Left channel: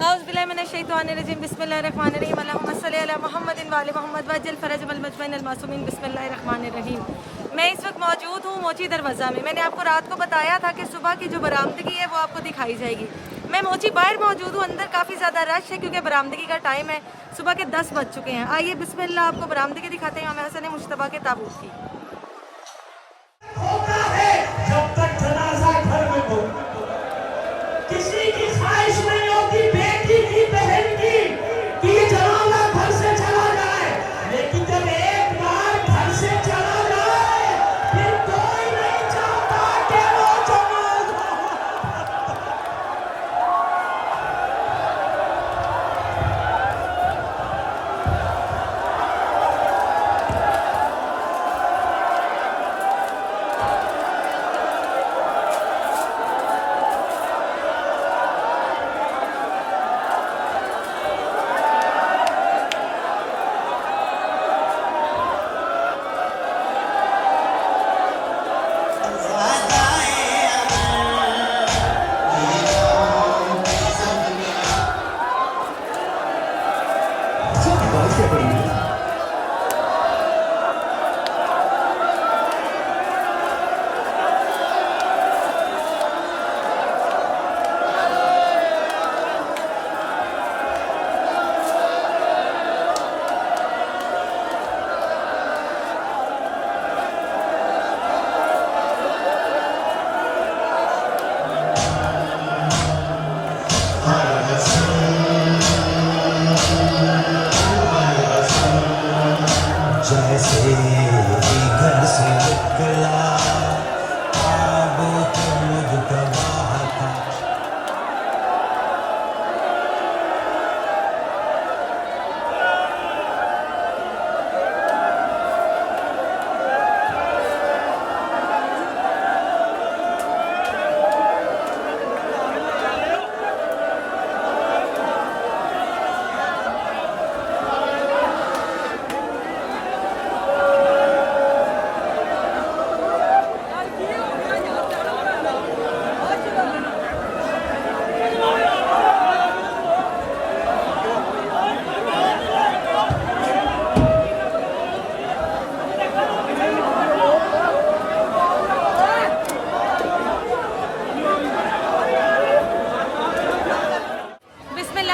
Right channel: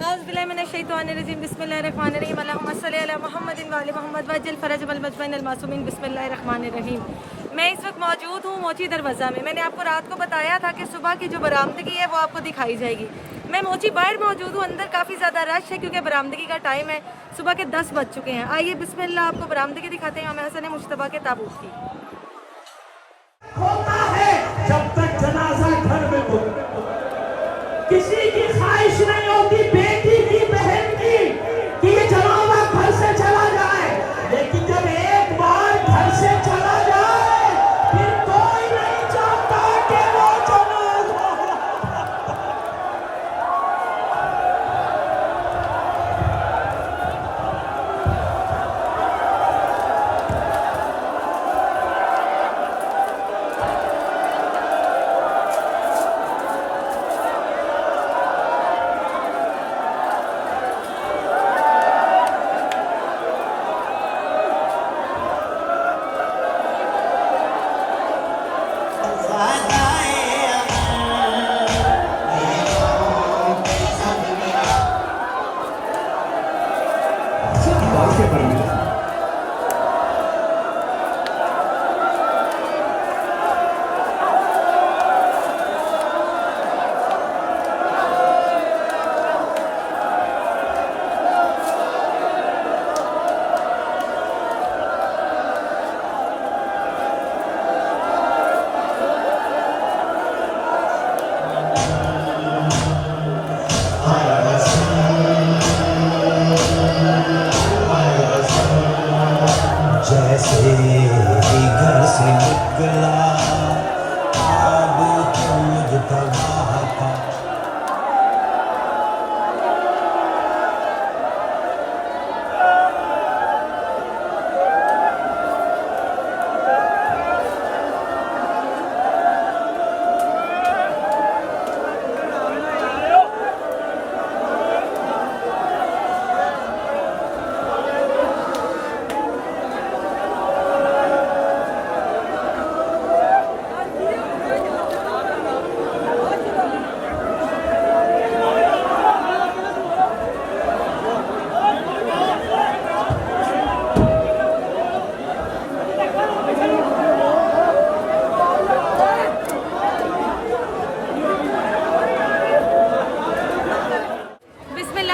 औज़ुबिल्लाहिमिनश्शैतानिर्रजीम बिस्मिल्लाहिर्रहमानिर्रहीम अल्लाहुम्मा सल्लि अला मुहम्मदिन व आलि मुहम्मद वज्जल फरज वल मजमैन अल मासूमीन बिस्मिल्लाहिर्रहमानिर्रहीम। मैं इस वक्त मौजूद हूँ मोची दरवाज़ा में। मैंने आपको रात को बताया था कि सुबह की जो बरामदगी है वो आपको दिखाई जाएगी। मैं मोची बाहर मौजूद हूँ, अंदर काफ़ी ज़्यादा रश है क्योंकि बरामदगी का टाइम है, सुबह के 10 बज चुके हैं। आइए बिस्मिल्लाह आपको बरामदगी दिखाते हैं इमाम हसन मुज्तबा के ताबूत की। होता है जब तक जनाजा घर में हो, किसी की ख्वाहिश नहीं होती बेटी की बहन की कि ये जनाजा घर से चला जाए, लेकिन जब एक बार घर से चला जाए फिर कोई नहीं चाहता कि वो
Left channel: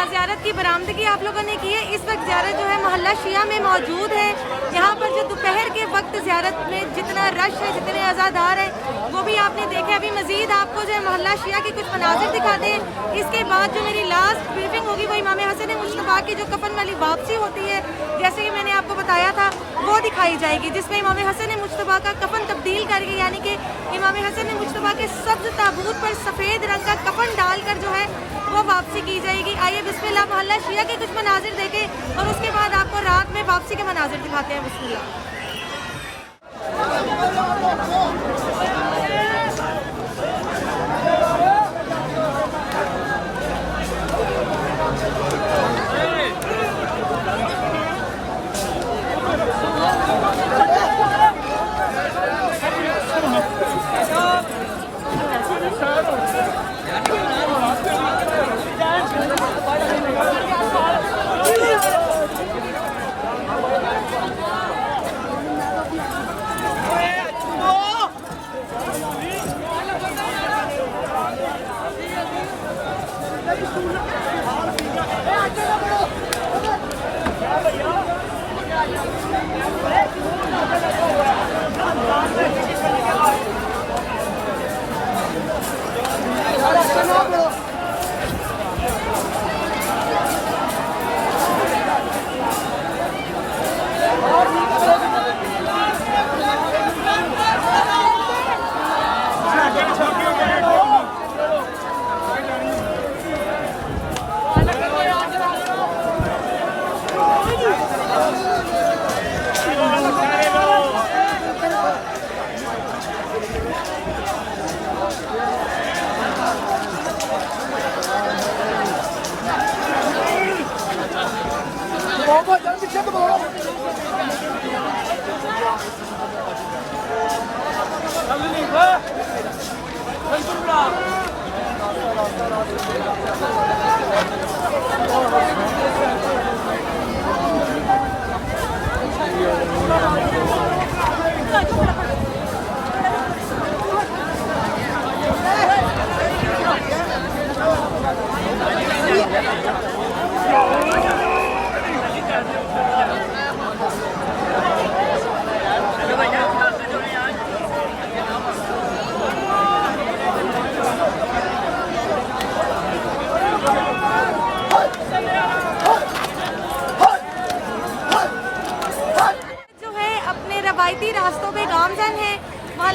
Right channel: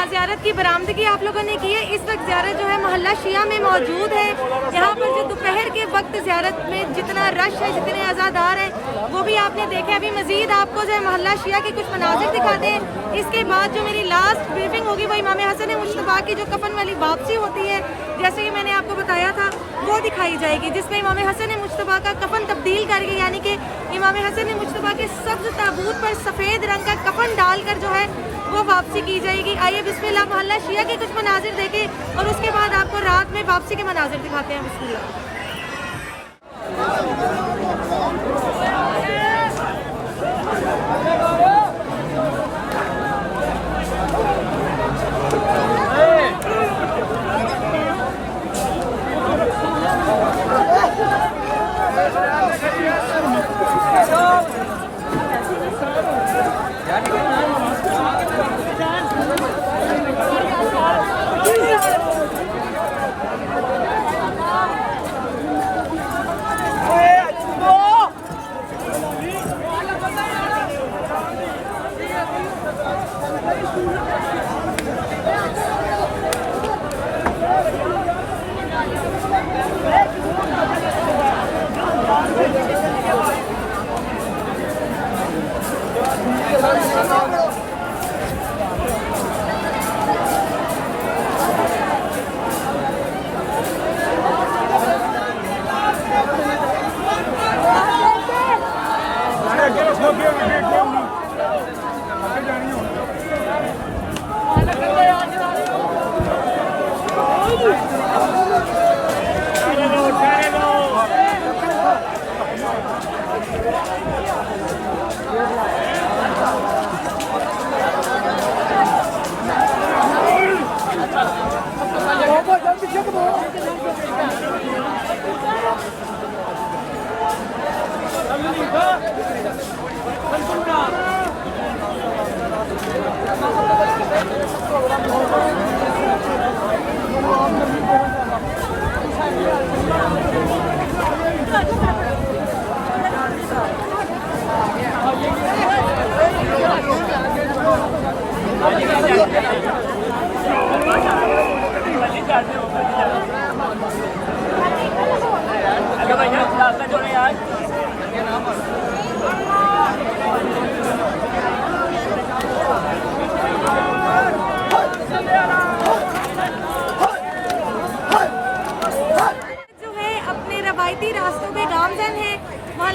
ज़ियारत की बरामदगी आप लोगों ने की है। इस वक्त ज़ियारत जो है मोहल्ला शिया में मौजूद है। यहाँ पर जो दोपहर के वक्त ज़ियारत में जितना रश है, जितने आज़ादार हैं, वो भी आपने देखे। अभी मजीद आपको जो है मोहल्ला शिया के कुछ मनाजिर दिखाते हैं। इसके बाद जो मेरी लास्ट ब्रीफिंग होगी वो इमाम हसन मुज्तबा की जो कफन वाली वापसी होती है, जैसे कि मैंने आपको बताया था, वो दिखाई जाएगी, जिसमें इमाम हसन मुज्तबा का कफन तब्दील करके, यानी कि इमाम हसन मुज्तबा के सब्ज़ ताबूत पर सफ़ेद रंग का कफन डालकर जो है वो वापसी की जाएगी। आइए बिस्मिल्लाह मोहल्ला शिया के कुछ मनाजिर देखें और उसके बाद आपको रात में वापसी के मनाजिर दिखाते हैं। बिस्मिल्लाह।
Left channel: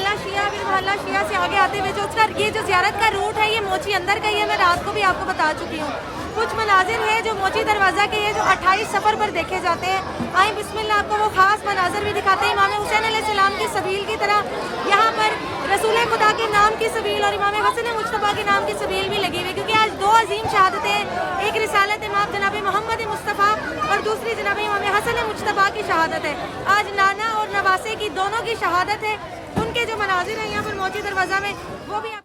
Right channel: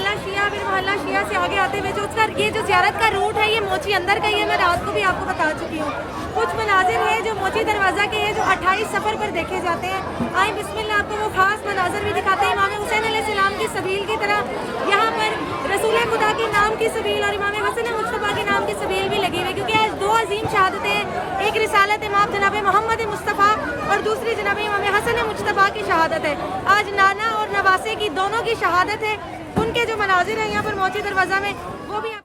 महल्ला शिया, फिर महल्ला शिया से आगे आते हुए जो उसका ये जो ज़ियारत का रूट है ये मोची अंदर का ही है। मैं रात को भी आपको बता चुकी हूँ। कुछ मनाजिर है जो मोची दरवाज़ा के हैं जो 28 सफ़र पर देखे जाते हैं। आए बिस्मिल्लाह आपको वो ख़ास मनाजिर भी दिखाते हैं। इमाम हुसैन अलैहिस्सलाम की सबील की तरह यहाँ पर रसूल खुदा के नाम की सबील और इमाम हसन मुस्तफ़ा के नाम की सबील भी लगी हुई, क्योंकि आज दो अजीम शहादतें हैं। एक रिसालत इमाम जनाब मोहम्मद मुस्तफ़ा और दूसरी जनाब इमाम हसन मुस्तफ़ा की शहादत है। आज नाना और नवासे की दोनों की शहादत है। उनके जो मनाजिर हैं यहाँ पर मोची दरवाज़ा में वो भी आप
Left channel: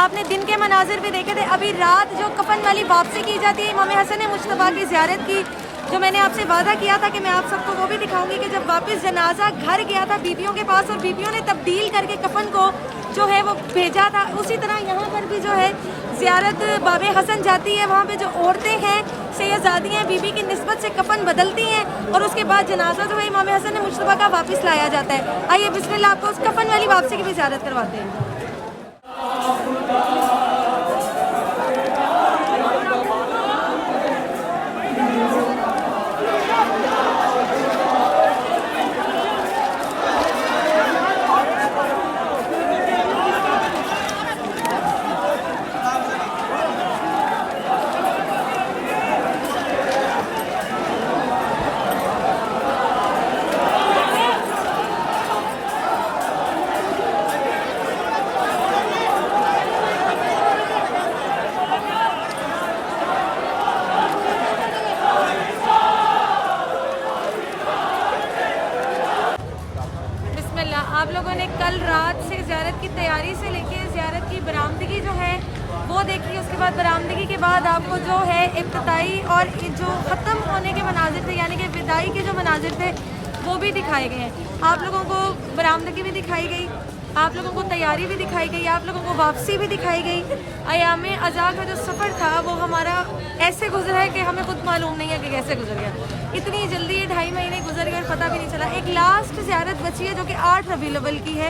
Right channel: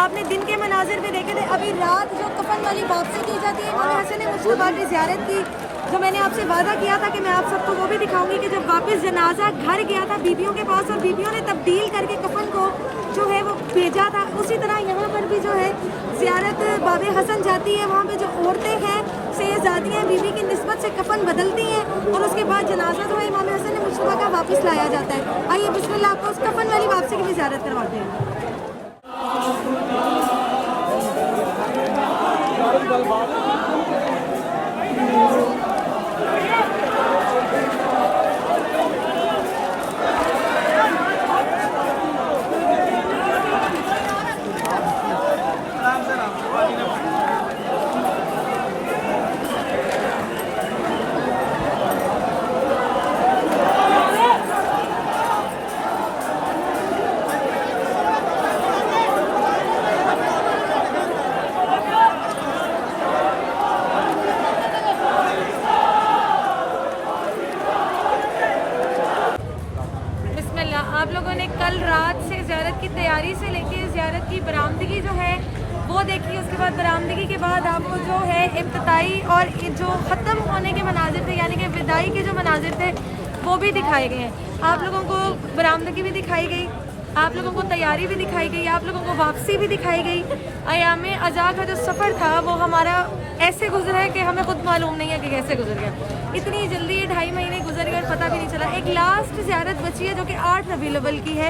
आपने दिन के मनाजिर भी देखे थे। अभी रात जो कफन वाली वापसी की जाती है इमाम हसन मुस्तफ़ा की ज़ियारत की, जो मैंने आपसे वादा किया था कि मैं आप सबको वो भी दिखाऊंगी कि जब वापस जनाजा घर गया था बीबियों के पास और बीबियों ने तब्दील करके कफन को जो है वो भेजा था, उसी तरह यहाँ पर भी जो है ज़ियारत बाबे हसन जाती है। वहाँ पे जो औरतें हैं सैयदादियाँ बीबी की निस्बत से कफन बदलती हैं और उसके बाद जनाजा जो है इमाम हसन मुस्तफ़ा का वापस लाया जाता है। आइए बिस्मिल्लाह आपको उस कफन वाली वापसी की भी ज़ियारत करवाते हैं। आप लोगों ने कल रात से ज़ियारत की तैयारी से लेके ज़ियारत की बरामदगी जो है वो देखी। उसके बाद बरामदगी के बाद आपको जो है इब्तिदाई और जो ख़त्म होने के मनाजिर थे यानी कि विदाई के जो मनाजिर थे वो भी दिखाए गए हैं। आप लोगों को बरामदगी भी दिखाई गई, आप लोगों को तैयारी भी दिखाई गई, आप लोगों को वापसी भी दिखाई गई। अयाम अज़ा का जो सफ़र था वो हमारा ऐसे गुजरा है कि हमें खुद मालूम नहीं है कि कैसे गुजर गया। इतनी जल्दी ये 2.5 महीने गुजर गए और पता भी नहीं चला। एक लास्ट ज़ियारत बची है जो कि 8 रबीउल अव्वल की है।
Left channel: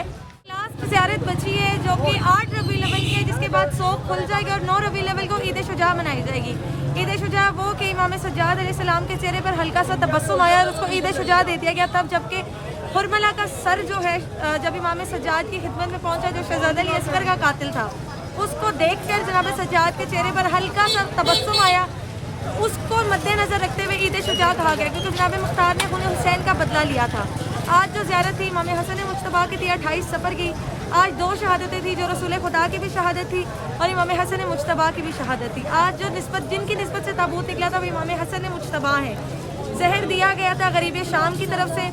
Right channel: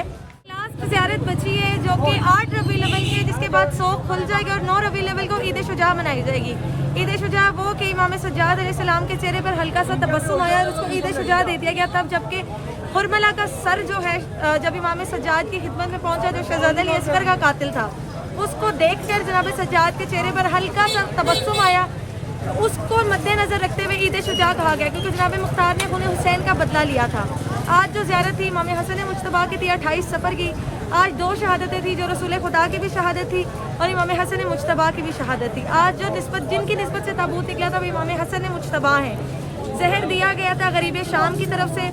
लास्ट ज़ियारत बची है जो कि 8 रबीउल अव्वल की है, जिसके बाद सोख खुल जाएगी और 9 रबीउल अव्वल को ईद शुजा मनाई जाएगी। ईद शुजा वो कि इमाम सज्जाद अलैहिस्सलाम के चेहरे पर हल्का सा तबस्सुम आया और उसको ईद शुजा दे दिया गया तब, जबकि हुरमला का सर जो है जब इमाम सज्जाद की खिदमत में पहुंचा जो शहजादा अली असगर का कातिल था, उसको देखकर जनाब सज्जाद के चेहरे पर हल्का सा तबस्सुम आया। तो उसको मद्देनजर रखते हुए ईद शुजा कहा गया, क्योंकि जनाब मुख्तार ने खून हुसैन का बदला लिया था। आज जो ज़ियारत थी इमाम हसन मुस्तफ़ा की थी 28 सफ़र की। आज 2 शहादतें थी, जो रसूल खुदा की भी शहादत थी और इमाम हसन मुस्तफ़ा की भी शहादत थी। आज जो निस्बत जिनकी निस्बत से ताबूत निकला था वो इमाम हसन मुस्तफ़ा हैं। जहर दिया गया था गरीब शाम की तरफ से,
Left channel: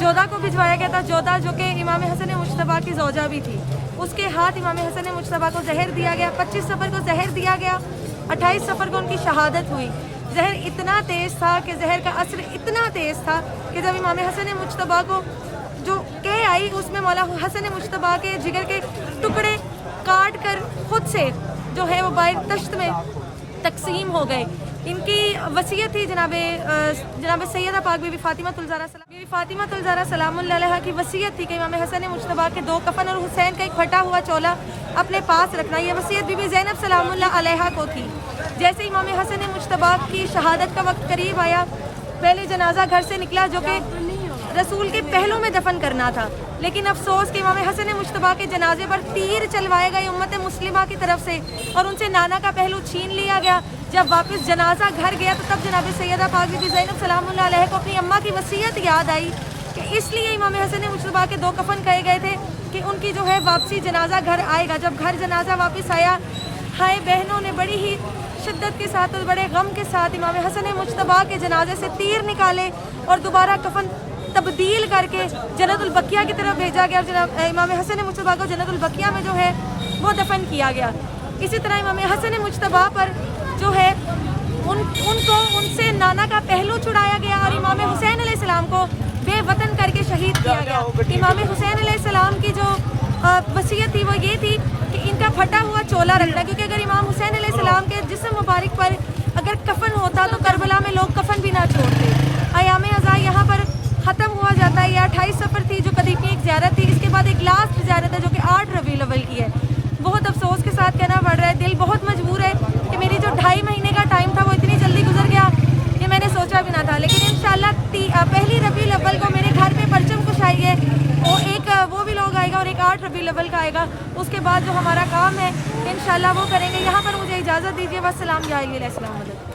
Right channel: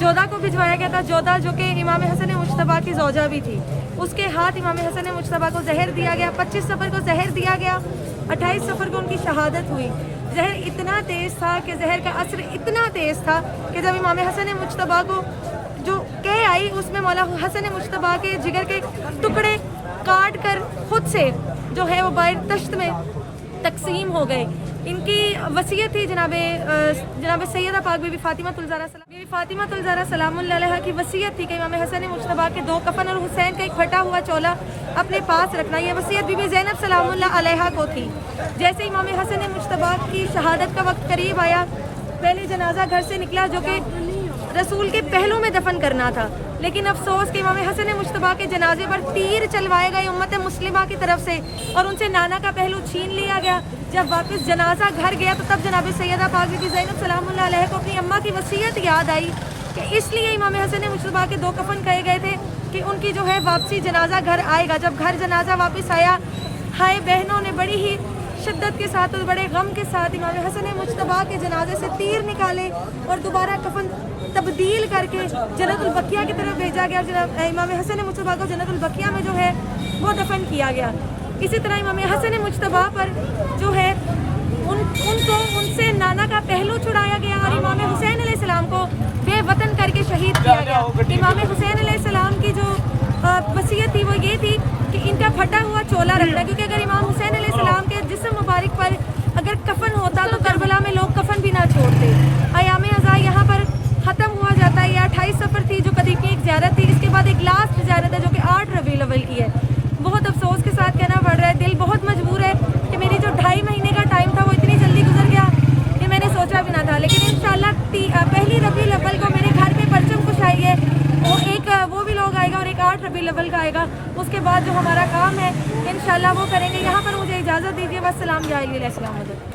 जोधा को भिजवाया गया था, जोधा जो कि इमाम हसन मुस्तफ़ा की ज़ौजा भी थी। उसके हाथ इमाम हसन मुज्तबा को जहर दिया गया। 25 सफ़र को जहर दिया गया, 28 सफ़र को उनकी शहादत हुई। जहर इतना तेज़ था कि जहर का असर इतना तेज़ था कि जब इमाम हसन मुज्तबा को जो कह आई उसमें मौला हसन मुज्तबा के जिगर के टुकड़े काट कर खुद से जो है वो बाहर तश्त में तकसीम हो गए। इनकी वसीयत थी जनाब सैयदा पाक बीबी फातिमातुल ज़हरा सलामुल्लाह अलैहा की वसीयत थी कि इमाम हसन मुज्तबा के 2 कफन और हुसैन का एक फटा हुआ चोला अपने पास रखना। ये वसीयत बीबी ज़ैनब सलामुल्लाह अलैहा को थी। जैसे इमाम हसन मुज्तबा की शहादत का वक्त करीब आया, पहले जनाजा घर से निकला जो कि रसूल के पहलू में दफन करना था, लेकिन अफसोस कि इमाम हसन मुज्तबा के जनाजे पर तीर चलवाए गए उम्मत मुस्लिमा की तरफ से और उनसे नाना का पहलू छीन लिया गया। जब वापस जनाजा घर गया तो तब जनाब सैयदा पाक बीबी ज़ैनब सलामुल्लाह अलैहा को अपनी अम्मा की वसीयत याद आई कि इसलिए इमाम हसन मुज्तबा के 2 कफन कहे गए थे कि उनकी जो है वापसी जनाजा घर आएगा। जब घर जनाजा वापस आया, हाय बहनों ने बड़ी ही शिद्दत के साथ और बड़े गम के साथ इमाम हसन मुज्तबा के जनाजे से तीर निकाले और दोबारा कफन तब्दील करके जन्नतुल बकिया की तरफ भेजा गया। जनाब इमाम हसन मुज्तबा को जन्नतुल बकिया में जो है वो दफन किया गया। इसी तरह इमाम हसन मुज्तबा पर जो है उनसे नाना का पहलू छुड़ाया गया और इमाम हुसैन अलैहिस्सलाम को बेवतन करके शहीद किया गया। इमाम हुसैन अलैहिस्सलाम की जो वसीयत थी वो ये थी कि इनका फटा हुआ चोला रखना, क्योंकि अगर इमाम हुसैन अलैहिस्सलाम के जिस्म मुबारक पर अगर कफन होता तो करबला में लोग कफन भी ना छोड़ते। अयाम अज़ा यहाँ पर ख़त्म हुआ जाता है। यह 28 सफ़र थी जो कदीम की एक ज़ियारत थी। इसके बाद एक लास्ट ज़ियारत है जो कि 8 रबीउल अव्वल की है। बहुत अफसोस के साथ कहना पड़ रहा है, दिल बहुत मजबूर है कि मेरी जो 2.5 महीने का टाइम था वो इतनी जल्दी गुजर गया कि मैंने सोचा भी ना था। लेकिन इंशाल्लाह 1 रबीउल अव्वल को मेरे घर पे परचम कुशाई है, वो भी लोग आएगा और एक 8 रबीउल अव्वल का आएगा। उसके बाद जो हमारा काम है इंशाल्लाह वो करेंगे। यहाँ पर मुझे इजाज़त दीजिए। वस्सलाम या अलैहि अस्सलाम।